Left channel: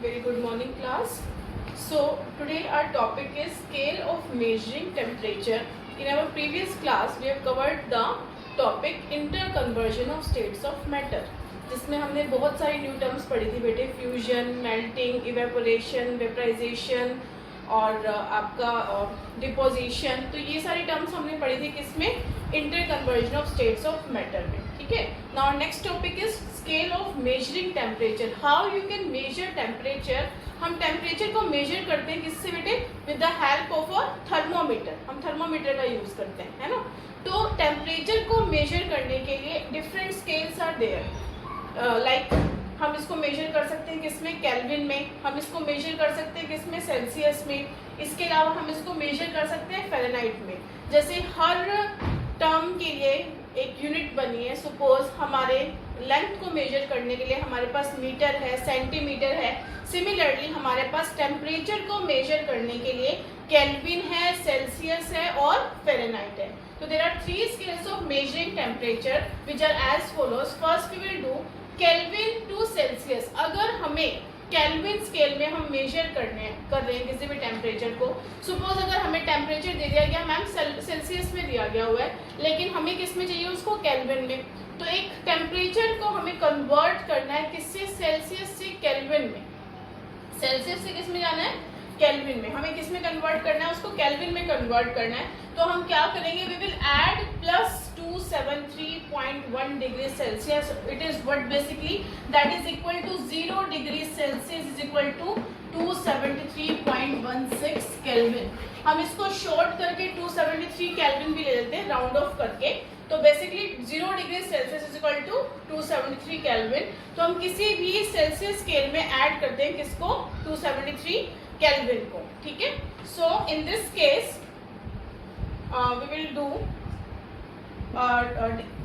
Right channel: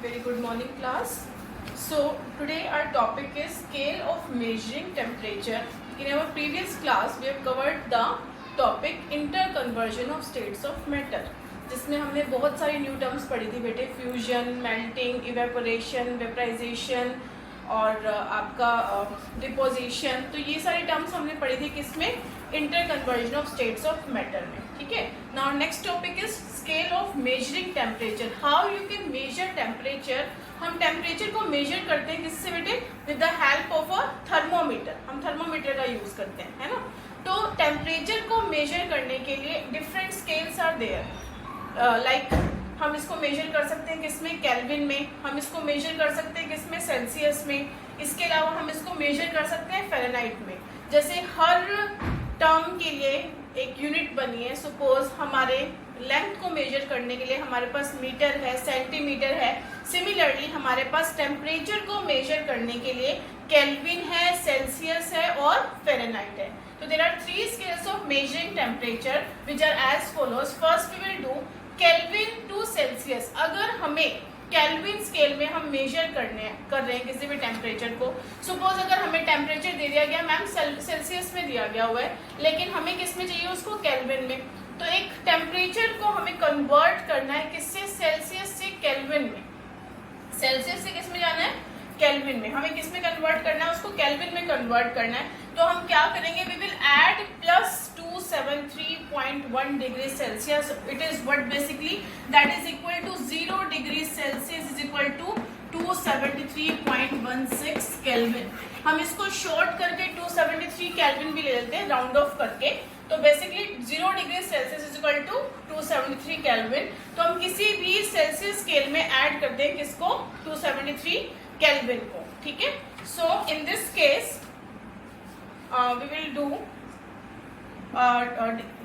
Very good morning, class. So today our topic is scale of measuring temperature. In our previous class we have covered the topic interconversion of states of matter, जिसमें हमने बहुत सारी new terms पढ़ी थी बेटे, fusion, melting, evaporation, vaporisation और आपका deposition. तो ये सारी टर्म्स हमने पढ़ी थी किसमें, interconversion of states of matter में. ठीक है. Now next topic is scale of measuring temperature. How you can measure temperature. हम टेम्परेचर को मेजर करते हैं किससे बेटे, with the help of a thermometer. हम थर्मोमीटर का यूज करते हैं, है ना. तो टेम्परेचर को मेजर करने के लिए different scales are there. Like हम इसको मेजर कर सकते हैं किसमें, केल्विन में. हम इसको मेजर कर सकते हैं किसमें, सेल्सियस में. इसके अलावा हम इसको मेजर कर सकते हैं फ़ारेनहाइट में. जैसे हर टर्म के लिए एक यूनिट बनी है. सपोज हमारे लेंथ को मेजर करने के लिए हमारे पास मीटर है, सेंटीमीटर है. सिमिलरली हमारे पास टेम्परेचर को मेजर करने के लिए केल्विन है, सेल्सियस है और फ़ारेनहाइट है. तो there are 3 scales of measuring temperature which are as follows. First we will do kelvin to celsius. अगर हमें केल्विन स्केल में हम मेजर कर रहे हैं किसी भी टेम्परेचर को. सपोज अगर हमें टेम्परेचर दे दिया गया मैम सेल्सियस में दिया गया हुआ है, लेकिन हमें किस में चाहिए उसको, केल्विन में. तो एक टेम्परेचर को हमें कन्वर्ट करना है किससे, सेल्सियस से केल्विन में. सेल्सियस से किस में जाना है, केल्विन में. हमें किस में कन्वर्ट करना है, उसको केल्विन में कन्वर्ट करना है. तो हम क्या करेंगे, we will add plus 273.1 degree celsius. It is what basically, that is equal to 0 degree celsius is equal to 273.16 kelvin. हम इसको शॉर्ट करके 273 केल्विन भी ले लेते हैं राउंड ऑफ करके. तो basically 0 degree celsius is equal to 273 kelvin. तो हम किसी भी सेल्सियस स्केल में ऐड करते हैं किसको, 273 केल्विन को. ठीक है. So in this case we will do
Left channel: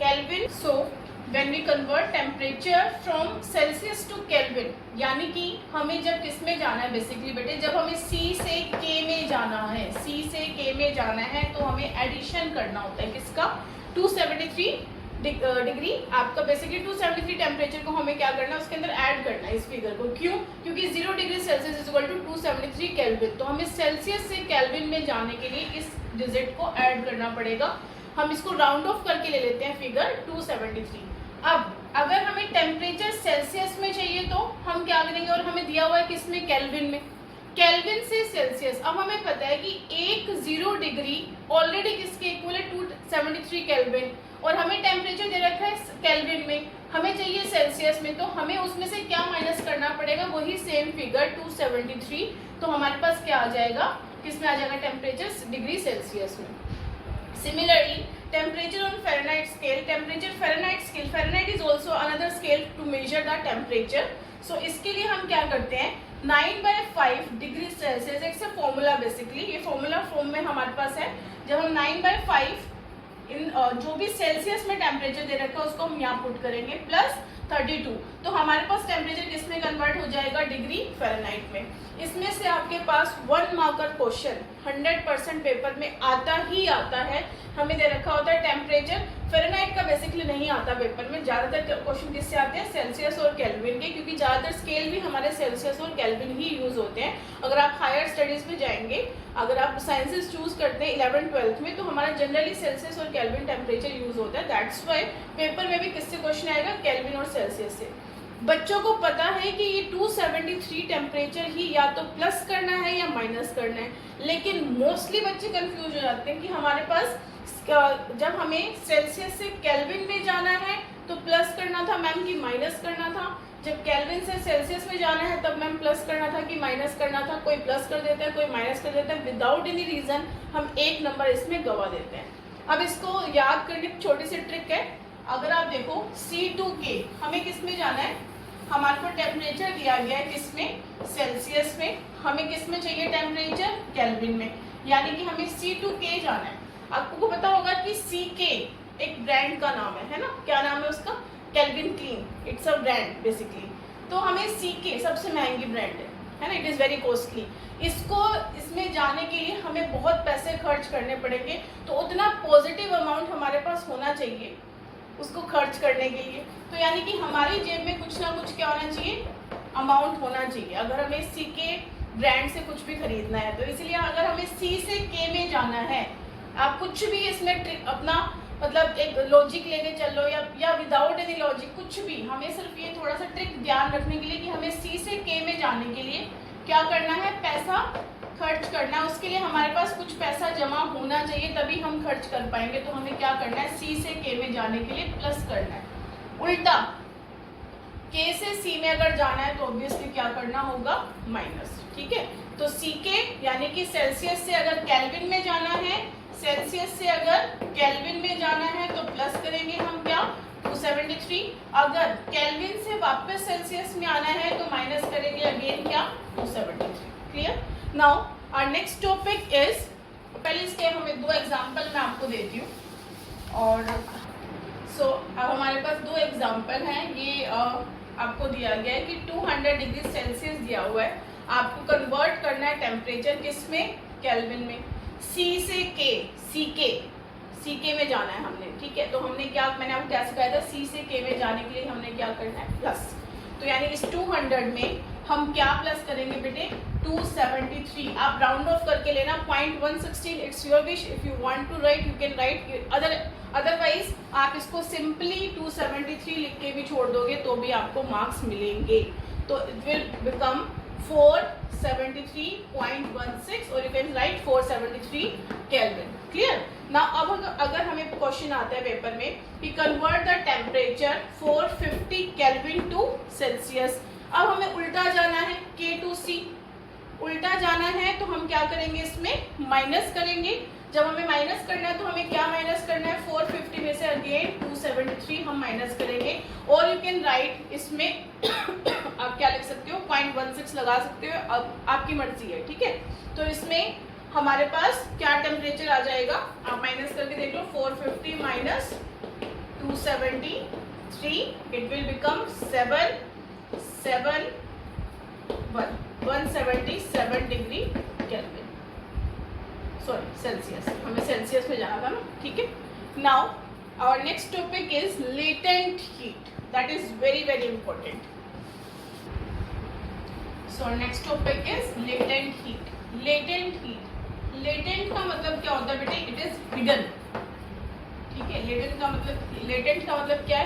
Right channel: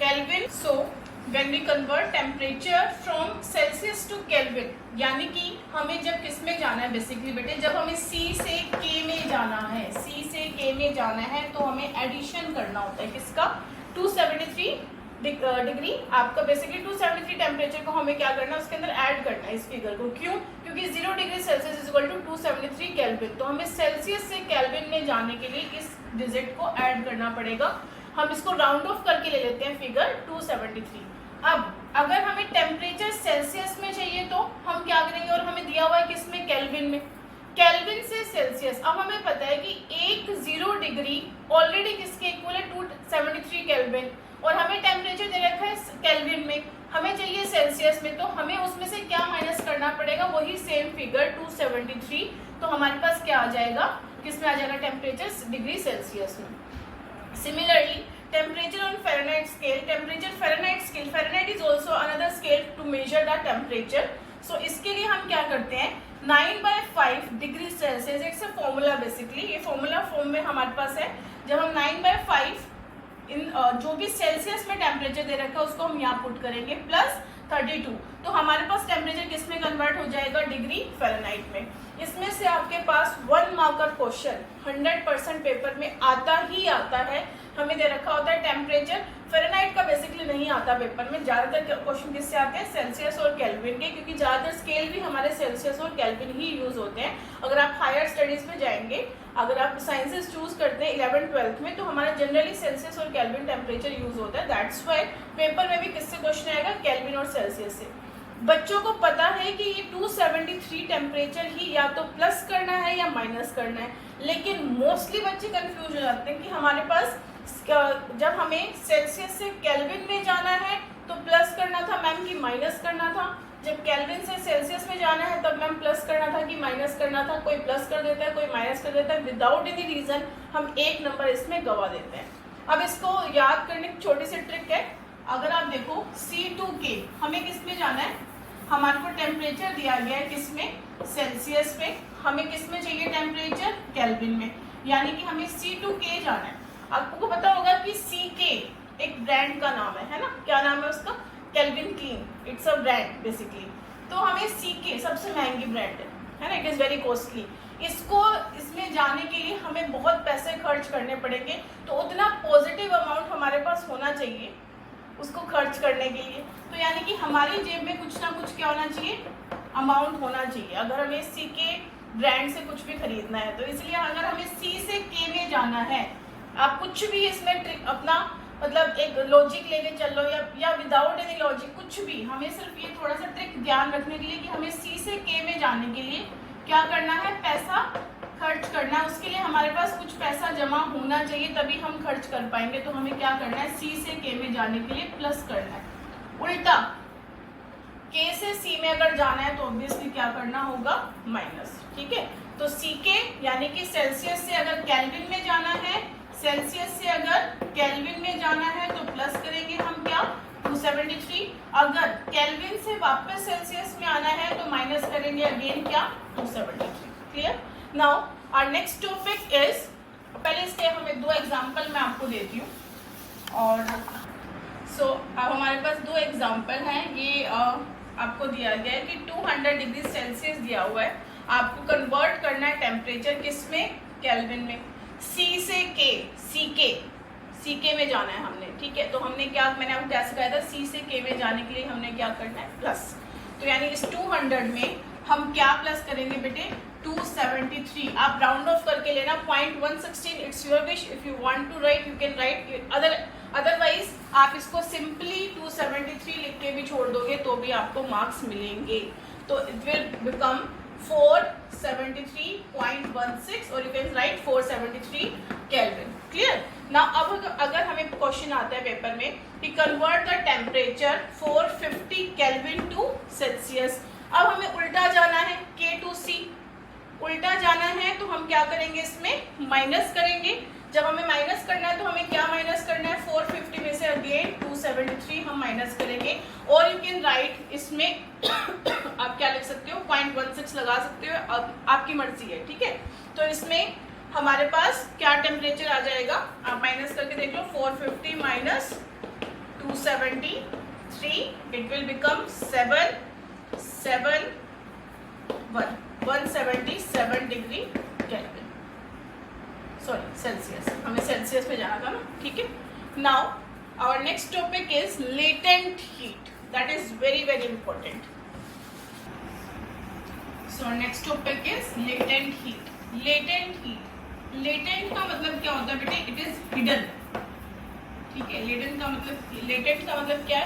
Kelvin. So when we convert temperature from Celsius to Kelvin, यानी कि हमें जब किसमें जाना है बेसिकली बेटे, जब हमें C से K में जाना है, C से K में जाना है तो हमें एडिशन करना होता है किसका, 273 डिग्री. आपका बेसिकली 273 टेम्परेचर को हमें क्या करना है, उसके अंदर ऐड करना है इस फिगर को. क्यों, क्योंकि 0 degree celsius is equal to 273 kelvin. तो हमें सेल्सियस से केल्विन में जाने के लिए इस डिजिट को ऐड करना पड़ेगा. हम इसको राउंड ऑफ करके ले लेते हैं फिगर 273. अब अगर हमें टेम्परेचर सेल्सियस में चाहिए तो हम क्या करेंगे, और हमें दिया हुआ है किसमें, केल्विन में. केल्विन से सेल्सियस. अब हमें पता है कि 10 डिग्री ऑलरेडी किसके इक्वल है, 273 केल्विन. और हमें टेम्परेचर दे रखा है केल्विन में, हमें चाहिए सेल्सियस में. तो हमें उसमें से क्या माइनस करना पड़ेगा, वही सेम फिगर 273. तो हमारे पास क्या आ जाएगा, किसमें आ जाएगा, टेम्परेचर डिग्री सेल्सियस में. Similarly, temperature on Fahrenheit scale, temperature Fahrenheit scale, Fahrenheit is also another scale to measure the temperature. So इसके लिए हम क्या करते हैं, 9/5 डिग्री सेल्सियस. एक से फॉर्मूला बेसिकली, ये फॉर्मूला फॉर्म में हमारे पास है. जब हम 9/5 इन जो भी सेल्सियस में टेम्परेचर दे रखा है उसको हम यहाँ पुट करेंगे प्लस 32. तो हमारे पास टेम्परेचर किस में कन्वर्ट हो जाएगा, डिग्री फ़ारेनहाइट में. इसमें से आपके पास 1 मार्कर क्वेश्चन 100% पेपर में आता ही आता है. हमें दे रखा होता है टेम्परेचर. फ़ारेनहाइट का बेसिकली नहीं आता पेपर में. ज़्यादातर क्वेश्चन किससे आते हैं, सेल्सियस और केल्विन के, क्योंकि ज़्यादातर स्केल भी हमारे सेल्सियस और केल्विन ही यूज होते हैं. अगर आप हायर स्टडीज में जाएंगे, अगर आप साइंसेस चूज करते हैं 11th-12th में, तो हमारा जनरली सेल्सियस और केल्विन टेम्परेचर यूज होता है. दैट्स वाई पेपर में भी किससे क्वेश्चन आएगा, केल्विन और सेल्सियस से. बच्चों को पता है कि ये 273 टेम्परेचर ही या तो प्लस करना है या माइनस करना है, लेकिन मोस्टली बच्चे कंफ्यूज हो जाते हैं कि हमारे पास जब हमें सेल्सियस से केल्विन में जाना है तो प्लस करना था मैम कि माइनस करना था, जब केल्विन से सेल्सियस में जाना है तब मैम प्लस करना था कि माइनस करना था. कोई प्लस कर देता है, कोई माइनस कर देता है. विदाउट एनी रीजन हम एक नंबर इसमें गवा देते हैं. अब इसको याद करने की छोटी सी ट्रिक है. अगर आप देखो C2K, हमें किस में जाना है, हमारे को टेम्परेचर दिया गया है किसमें, सेल्सियस में. हमें किस में चाहिए टेम्परेचर, केल्विन में. यानी कि हमें C2K जाना है. आपको पता होगा कि CK एक ब्रांड का नाम है ना, क्या नाम है उसका, kelvin clean. It's a brand basically. तो हमें CK सबसे महंगी ब्रांड है ना, इट इज़ वेरी कॉस्टली. इसको इसमें जाने के लिए हमें बहुत पैसे खर्च करने पड़ेंगे. तो उतना पॉजिटिव अमाउंट हमारे पास होना चाहिए उसको खर्च करने के लिए. तो यानी कि हमारी जेब में कुछ ना कुछ क्या होना चाहिए, अमाउंट होना चाहिए अगर हमें सी के ब्रांड से कुछ भी खरीदना है। तो इसलिए अगर हमें सी से के में जाना है, आप कुछ भी इसमें ट्रिक अपना मतलब एक लॉजिक लेके चल लो या विदाउट एनी लॉजिक कुछ भी, हमें सिर्फ ये थोड़ा सा ट्रिक ध्यान रखने के लिए कि हमें सी से के में जाने के लिए क्या करना है, पैसा खर्च करना है। उसके लिए हमारे पास कुछ पैसा जमा होना चाहिए, तभी हम खर्च कर पाएंगे। तो हमें क्या करना है, सी से के में जाने के लिए प्लस करना है। उल्टा के से सी में अगर जाना है तो ऑब्वियसली क्या करना होगा, माइनस। ठीक है, तो सी के यानी कि सेल्सियस से अगर केल्विन में जाना है, सेल्सियस से अगर केल्विन में जाना है तो प्लस करेंगे हम क्या, 273। अगर केल्विन से वापस सेल्सियस में आना है तो माइनस करेंगे अगेन क्या, 273। Clear. Now our next topic is, पहले इसके हमें दो एग्जांपल मैं आपको देती हूँ। और अब हमारे पास दो एग्जांपल हैं। ये आपको दिया गया है कि 200 डिग्री सेल्सियस दिया हुआ है, आपको कन्वर्ट करना है टेम्परेचर किसमें, केल्विन में। सी से के, सी के में जाना है हमने। ठीक है, तो हमने क्या, मैंने आपको क्या सिखाया था, सी से के में जाने के लिए हमने क्या करना है, प्लस। तो यानी इस 200 में हम क्या प्लस करेंगे बेटे, 273। आप राउंड ऑफ करके लेना, 0.116 it's your wish. If you want to write you can write, otherwise आप इसको सिंपली 273 लिख के भी छोड़ दोगे तो भी आपको मार्क्स मिलेंगे। तो इट विल बिकम 473.16 और you can write 473 kelvin. Clear. Now अब अगर हमें क्वेश्चन आता है पेपर में कि convert the temperature 450 kelvin to celsius. अब हमें उल्टा जाना है, के टू सी उल्टा जाना है, तो हम क्या करेंगे, इसमें माइनस करेंगे। जब हमें माइनस करना है तो हमें क्या माइनस करना है, 450 में से अगेन 273 हम माइनस करेंगे। और यू कैन राइट इसमें आप क्या लिख सकते हो, 0.16 लगा सकते हो, अब आपकी मर्जी है। ठीक है, तो इसमें हमारे पास क्या टेम्परेचर आ जाएगा, आप माइनस करके देख लो, 450 minus 273 it will become 177 degree kelvin, sorry celsius, हमें सेल्सियस में जाना था ना। ठीक है, now our next topic is latent heat, that is very very important. So next topic is latent heat. Latent का मतलब क्या होता है बेटे, इट इज हिडन। ठीक है, लेटेंट का मतलब क्या है,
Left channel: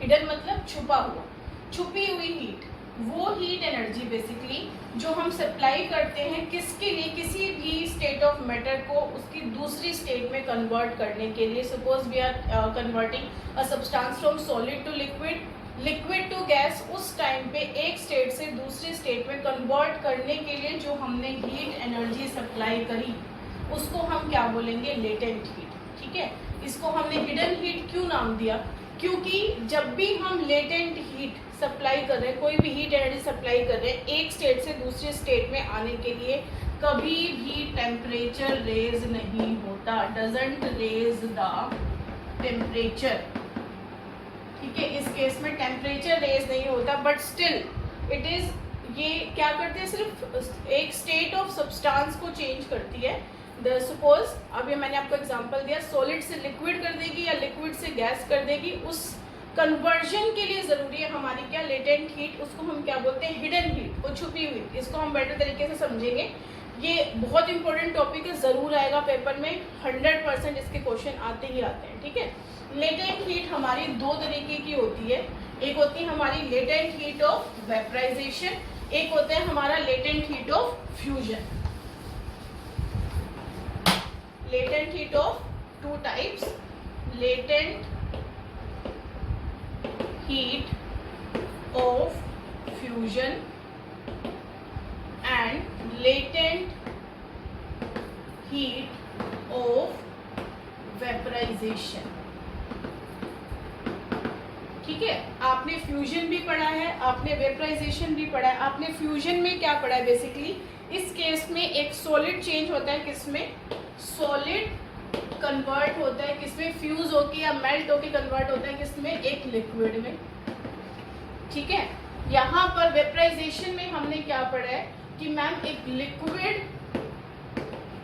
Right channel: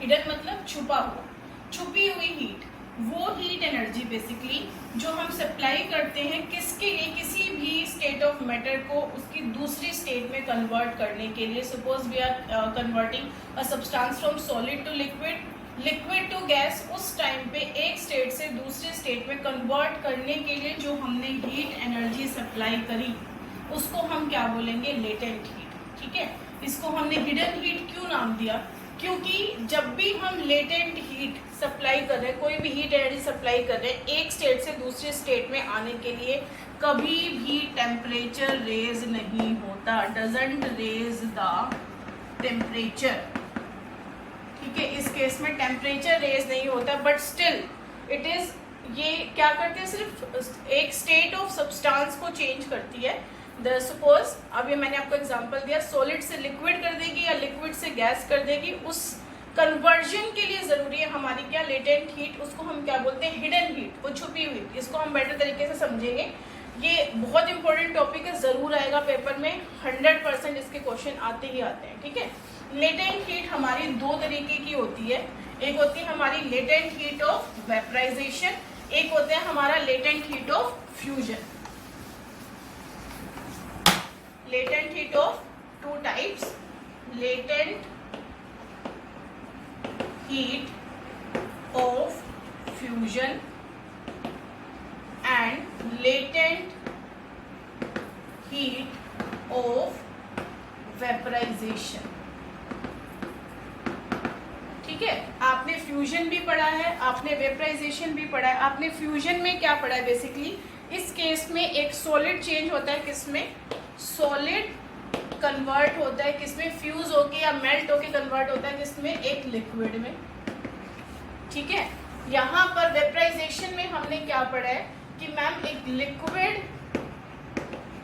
हिडन मतलब छुपा हुआ, छुपी हुई हीट। वो हीट एनर्जी बेसिकली जो हम सप्लाई करते हैं किसके लिए, किसी भी स्टेट ऑफ मैटर को उसकी दूसरी स्टेट में कन्वर्ट करने के लिए। Suppose we are converting a substance from solid to liquid to gas, उस टाइम पे एक स्टेट से दूसरे स्टेट में कन्वर्ट करने के लिए जो हमने हीट एनर्जी सप्लाई करी उसको हम क्या बोलेंगे, लेटेंट हीट। ठीक है, इसको हमने हिडन हीट क्यों नाम दिया, क्योंकि जब भी हम लेटेंट हीट सप्लाई कर रहे हैं, कोई भी हीट एनर्जी सप्लाई कर रहे हैं एक स्टेट से दूसरे स्टेट में आने के लिए, कभी भी टेम्परेचर रेज नहीं होता, डजंट रेज द टेम्परेचर। ठीक है, इस केस में टेम्परेचर रेज नहीं होता, बट स्टिल इट इज, ये क्या करती है, सिर्फ एक स्टेट ऑफ सब्सटेंस को चेंज करती है। सपोज अभी मैंने आपको एग्जांपल दिया, सॉलिड से लिक्विड कर देगी या लिक्विड से गैस कर देगी, उस कन्वर्जन के लिए जरूरी है हमारी क्या, लेटेंट हीट। उसको हम क्या बोलते हैं, हिडन हीट, वो छुपी हुई। इसको हम बेटर तरीके से समझेंगे, ये बहुत इंपॉर्टेंट टॉपिक है, जरूर आएगा पेपर में, 100% इसके क्वेश्चन आते ही आते हैं। ठीक है, लेटेंट हीट हमारी दो तरीके की होती है, एक होती है हमारी लेटेंट हीट ऑफ वेपराइजेशन, एक होता है हमारा latent heat of fusion. latent heat of two types, latent heat of fusion and latent heat of vaporization। ठीक है, आपने फ्यूजन भी पढ़ा है, आपने वेपराइजेशन भी पढ़ा है। आपने फ्यूजन में क्या पढ़ा है, बेसिकली इस केस में एक सॉलिड चेंज होता है, किसमें, सॉलिड कन्वर्ट होता है किसमें, फ्यूज होके या मेल्ट होके कन्वर्ट होता है किसमें, एक लिक्विड में। ठीक है, यहाँ पर वेपराइजेशन में हमने क्या पढ़ा है कि मैम एक लिक्विड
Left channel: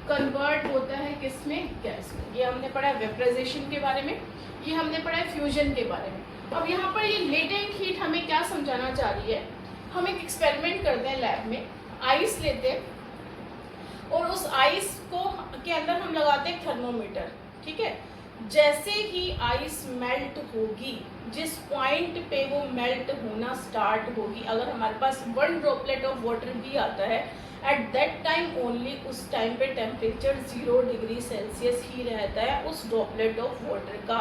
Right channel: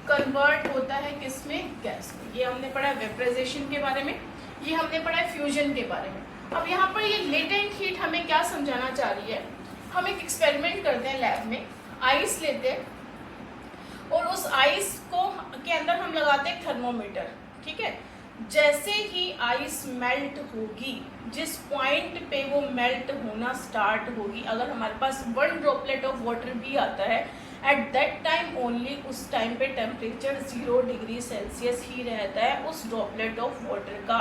कन्वर्ट होता है किसमें, गैस में। ये हमने पढ़ा है वेपराइजेशन के बारे में, ये हमने पढ़ा है फ्यूजन के बारे में। अब यहाँ पर ये लेटेंट हीट हमें क्या समझाना चाह रही है, हम एक एक्सपेरिमेंट करते हैं लैब में, आइस लेते हैं और उस आइस को के अंदर हम लगाते हैं थर्मोमीटर, ठीक है। जैसे ही आइस मेल्ट होगी, जिस पॉइंट पे वो मेल्ट होना स्टार्ट होगी, अगर हमारे पास 1 ड्रॉपलेट ऑफ वाटर भी आता है, एट दैट टाइम ओनली, उस टाइम पे टेम्परेचर 0 डिग्री सेल्सियस ही रहता है उस ड्रॉपलेट ऑफ वाटर का।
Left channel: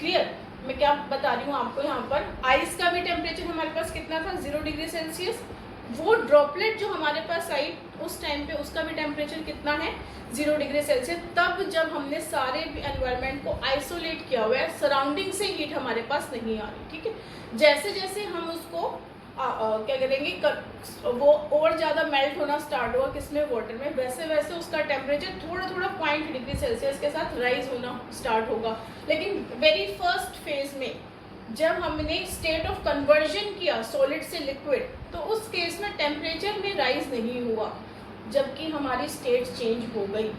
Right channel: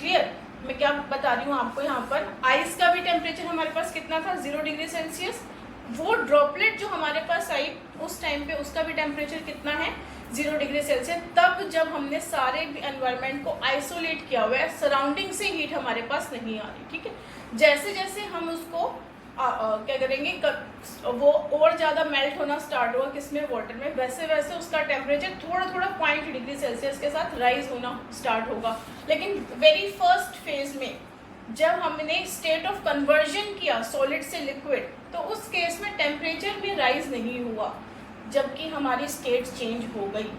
क्लियर? मैं क्या बता रही हूँ आपको, यहाँ पर आइस का भी टेम्परेचर हमारे पास कितना था, 0 डिग्री सेल्सियस। वो ड्रॉपलेट जो हमारे पास आई उस टाइम पे, उसका भी टेम्परेचर कितना है, 0 डिग्री सेल्सियस। तब जब हमने सारे एनवायरनमेंट को आइसोलेट किया हुआ है, सराउंडिंग से हीट हमारे पास नहीं आ रही, ठीक है। जैसे जैसे हम उसको क्या करेंगे, वो और ज़्यादा मेल्ट होना स्टार्ट होगा किसमें, वाटर में, वैसे वैसे उसका टेम्परेचर थोड़ा थोड़ा 0.2 डिग्री सेल्सियस के साथ राइज होना स्टार्ट होगा। लेकिन वेरी फर्स्ट फेज में जब हमने स्टेट ऑफ कन्वर्जन किया सॉलिड से लिक्विड, तो उस केस में टेम्परेचर भी राइज नहीं हुआ, जबकि हमारी स्टेट चेंज हो गई।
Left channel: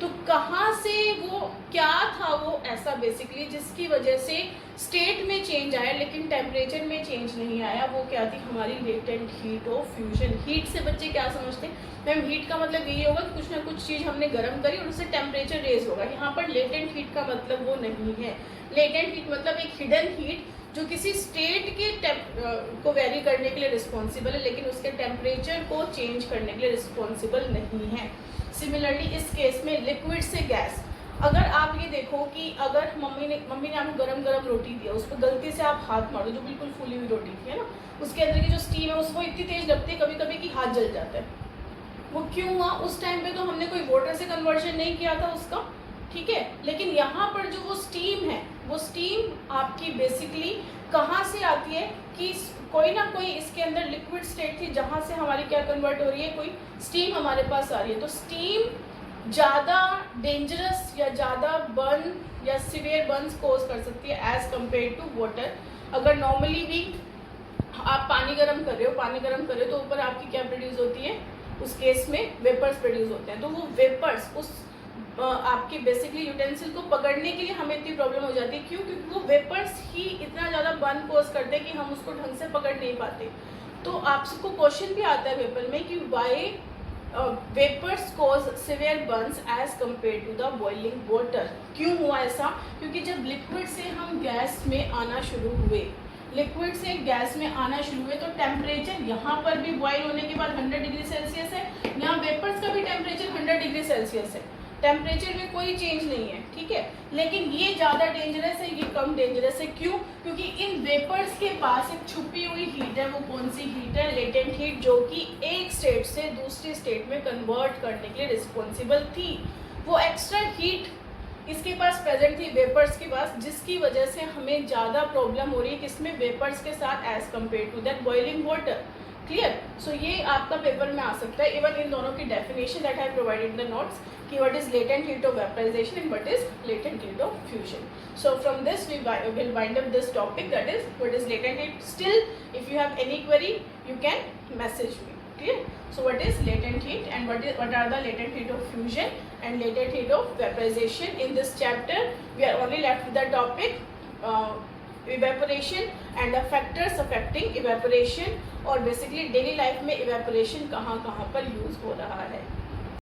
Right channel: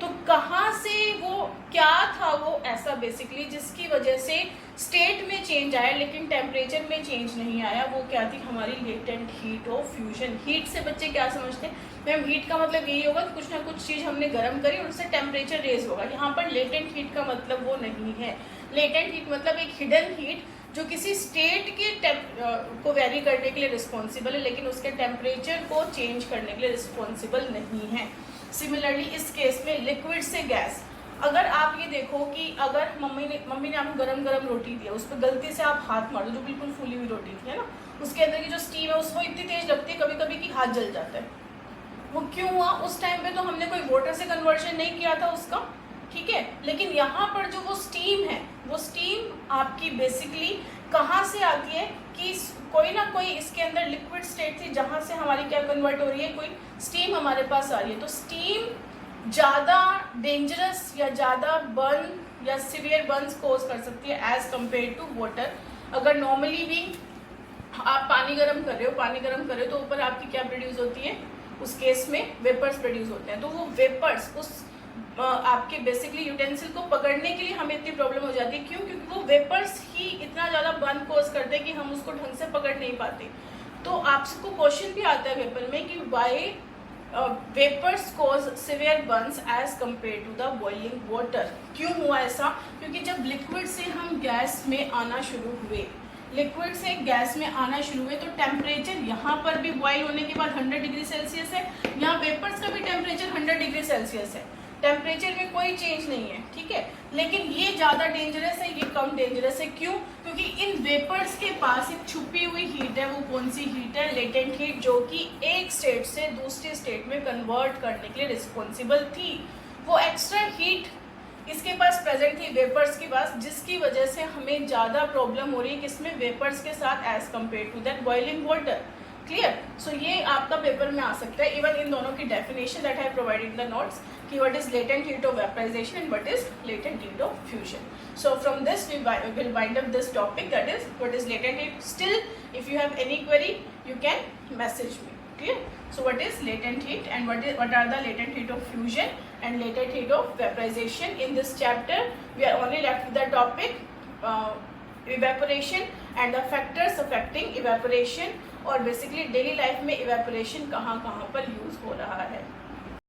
तो कहाँ से वो क्या था, वो ऐसा बेसिकली जिसकी वजह से स्टेट में चेंज आया लेकिन टेम्परेचर में चेंज नहीं आया, वो क्या थी, हमारी latent heat of fusion. Heat से बच्चे क्या समझते हैं, मैम हीट का मतलब यही होगा कि कुछ ना कुछ चीज़ हमने गर्म करी और उससे टेम्परेचर रेज होगा। यहाँ पर लेटेंट हीट का मतलब वो नहीं है। लेटेंट हीट मतलब एक हिडन हीट जो किसी स्टेट के को वेरी करने के लिए रिस्पॉन्सिबल है, लेकिन उसके टेम्परेचर को चेंज करने के लिए रिस्पॉन्सिबल नहीं है। सिमिलरली इस केस में लिक्विड से गैस, अगर आप ये देखो कि अगर मम्मी ने आपको गरम गरम रोटी दिया, उस पर गलती से आप हाथ मारो, जो बिल्कुल फूली हुई रोटी थी, है ना, उसके अंदर की जो स्टीम है उसको इतनी तेज लगती है कभी कभी कि हाथ जल जाता है। वो क्यों हुआ, उस टाइम पे तो हमने कोई वाटर से कन्वर्जन नहीं किया था उसका, ठीक है। लेकिन यहाँ पर जो वो स्टीम है, वो स्टीम आपकी बेसिकली कहाँ से आती है कि कोई ना कोई इसके अंदर लिक्विड स्टेट थी जहाँ से हमारी क्या कन्वर्ट हो रही है, कोई स्टीम हमारे पास आ रही है। तो स्टीम ज़्यादा डेंजरस या ज़्यादा बर्न या सिवियर बर्न्स कोज कर सकती है एज कम्पेयर टू वाटर। अगर नॉर्मली भी आप पानी गर्म कर रहे हो तो ऊपर आपकी क्या प्रोड्यूस होती है, उस केस में वेपर्स प्रोड्यूस होते हैं। तो वो वेपर्स उस आपके बेसिकली यूटेंसिल को पकड़ने के लिए हमें इतनी प्रॉब्लम हो जाती है। क्यों? क्योंकि वो वेपर्स ही इतना ज़्यादा बर्न कोज करते हैं कि हम उसको ढंग से पकड़ नहीं पाते। तो आपको क्वेश्चन भी आता है पेपर में कि why vapours cause severe burns as compare to the boiling water. क्यों हुआ ऐसा? क्योंकि जब लिक्विड से हम गैस में आना शुरू हुए, लिक्विड से गैस में आना शुरू हुए, तो टेम्परेचर यहाँ पर भी बॉइल होने के बाद 100 डिग्री सेल्सियस है, यहाँ वेपर्स का भी टेम्परेचर 100 डिग्री सेल्सियस है। टेम्परेचर में कोई चेंज नहीं है, ठीक है। लेकिन ये ज़्यादा डेंजरस है, ये कम डेंजरस है। क्यों? क्योंकि इन वेपर्स के पास एक छुपी हुई हीट है। वो कौन सी हीट है? लेटेंट हीट, जो कि एक स्टेट से दूसरी स्टेट में कन्वर्ट करने के लिए रिस्पॉन्सिबल थी। वो एक्स्ट्रा हीट इसके पास प्रेजेंट थी वेपर्स के पास, जिसकी वजह से हमें ज़्यादा प्रॉब्लम हो रही है किसमें, वेपर्स के साथ as compare to that boiling water. Clear? So ये आपका पेपर में आ सकता है। इवन इन दोनों की definition that I provided in the notes कि what is latent heat of vaporization and what is latent heat of fusion. So from this we will wind up this topic, that is what is latent heat. Still if you have any query you can message me. Clear? So what is latent heat and what are the latent heat of fusion and latent heat of vaporization? In this chapter we are only left with the topic evaporation and the factors affecting evaporation, और basically daily life में evaporation कहाँ कहाँ पर use हो रहा है।